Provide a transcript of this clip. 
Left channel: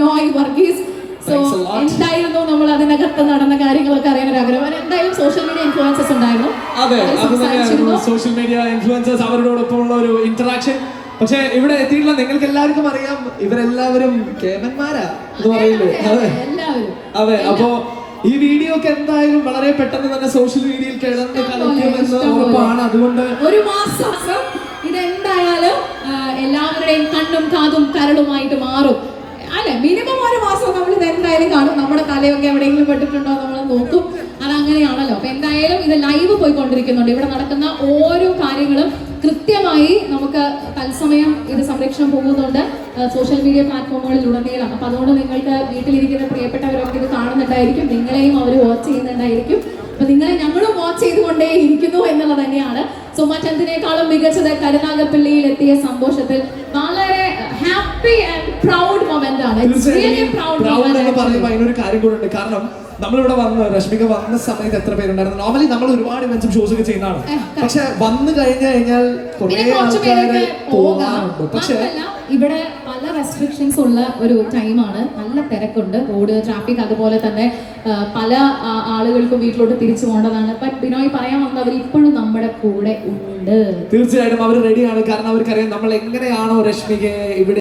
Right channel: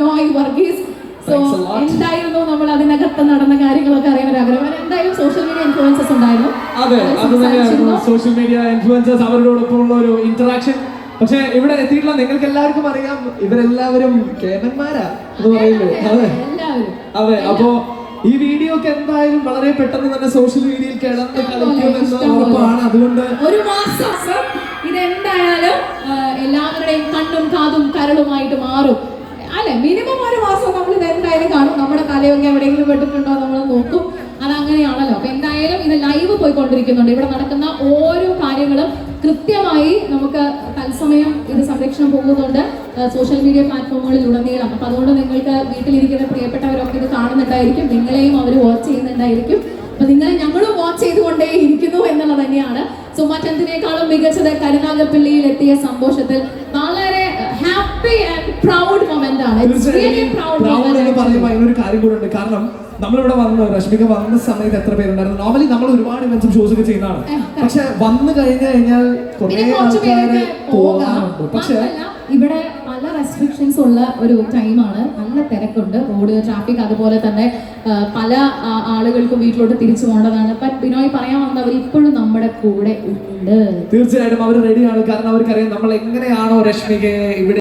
Binoy Varghese. So എന്തായിരുന്നു നമ്മൾ അതിനകത്ത് നടന്ന കാര്യങ്ങളൊക്കെ അറിയാൻ ഒരു ആഗ്രഹം? എന്തായാലും സോഷ്യൽ മീഡിയ ഇൻഫ്ലുവൻസസ് ഉണ്ടായിരുന്നു. അതെ അത് തന്നെയായിരുന്നു സോഷ്യൽ മീഡിയ ഇൻഫ്ലുവൻസേഴ്സ് അവരോടൊപ്പമുള്ള ഒരു ഇന്ററാക്ഷൻ പക്ഷെ ഇവിടെ എത്തിയിട്ടില്ല. നിങ്ങൾക്ക് എല്ലാവർക്കും അറിയാം. ഇവരെല്ലാവരും കേമന്മാരാ എന്ന് പറയുന്നത്. അതെ അതെ അപ്പോ ഈ വീഡിയോ ഒക്കെ എന്തായാലും വളരെ പെട്ടെന്ന് തന്നെ സോഷ്യൽ മീഡിയയിൽ കിടന്ന് കളിക്കുമെന്ന്. ഉറപ്പാണ്. അതുകൊണ്ട് ഒരു മാസം ഇത് എന്തായാലും എല്ലാവരുടെയും കണ്ണും കാതും കരളുമായിട്ട് മാറും അല്ലെ മിനിമം ഒരു മാസം നമ്മൾ ഇത് എന്തായാലും കാണും. നമ്മുടെ തലയൊക്കെ എവിടെയെങ്കിലും പെട്ടിട്ടുണ്ടോ നമ്മൾ നോക്കും. അത് അങ്ങനെയാണല്ലോ. അപ്പൊ എന്തായാലും ഇത് ലൈവ് പോയിക്കൊണ്ടിരിക്കുന്നുണ്ട്. ഇവിടെ നടക്കുന്ന ഓരോ കാര്യങ്ങളും കൃത്യമായി നമുക്ക് തത്സമയം ഇത് സംരക്ഷണം പോകുന്നുണ്ട് സോഷ്യൽ മീഡിയ പ്ലാറ്റ്ഫോമുകളിൽ ഉടനീളം അപ്പൊ അതുകൊണ്ട് നിങ്ങൾക്ക് വീട്ടിലിരിക്കുന്ന പ്രിയപ്പെട്ടവരൊക്കെ ഇത് കാണുന്നുണ്ടായിരിക്കും. നിങ്ങളെയും അവർ വാച്ച് ചെയ്യുന്നുണ്ടായിരിക്കും. അപ്പൊ നിങ്ങളെ ഞങ്ങളും വാച്ച് ചെയ്തുകൊണ്ടേ ഇരിക്കുന്നു എന്നുള്ളത് തന്നെയാണ്. സോ മറ്റെന്തിനേക്കാളും മികച്ചത് കരുനാഗപ്പള്ളിയിൽ എത്തിയ സന്തോഷത്തിൽ. വളരെ ഹാപ്പി പ്രൗഡ് മൊമെന്റ് ആണ്. അതിനൊരു കാര്യം കൂടെ ഉണ്ട്. കാരണം നമ്മളിവിടെ വന്ന് രശ്മിക വന്ന സമയത്ത് എത്ര പേരുണ്ടായിരുന്നു? നോർമലി നമ്മൾ ഒരുപാട് ഇവന്റ്സും ഷോസ് ഒക്കെ ചെയ്യുന്നതാണ്. പക്ഷെ വന്നു കഴിഞ്ഞു കഴിഞ്ഞാൽ കുറെ ആൾക്കാരെ പോകാറുണ്ട്. പക്ഷെ ഇവിടെ പല റെസ്ട്രിക്ഷൻസ് ഉള്ള ഒരു ടൈമാണ് നല്ല തിരക്കുണ്ട്. റോഡ് ട്രാഫിക് അതുപോലെ തന്നെ പല ആളുകൾക്കും വീട്ടിലോട്ട് തിരിച്ചു പോകേണ്ടതാണ്. ബിനോയ് പറയാൻ വന്നത് അവർ ഇപ്പോഴും നമ്മുടെ കൂടെ ഉണ്ട്. തീർച്ചയായിട്ടും അവർ റെഡിയാണ് കാരണം അവർക്കറിയാം നമ്മൾ എങ്ങനെയാണോ രശ്മികയെ ഇവിടെ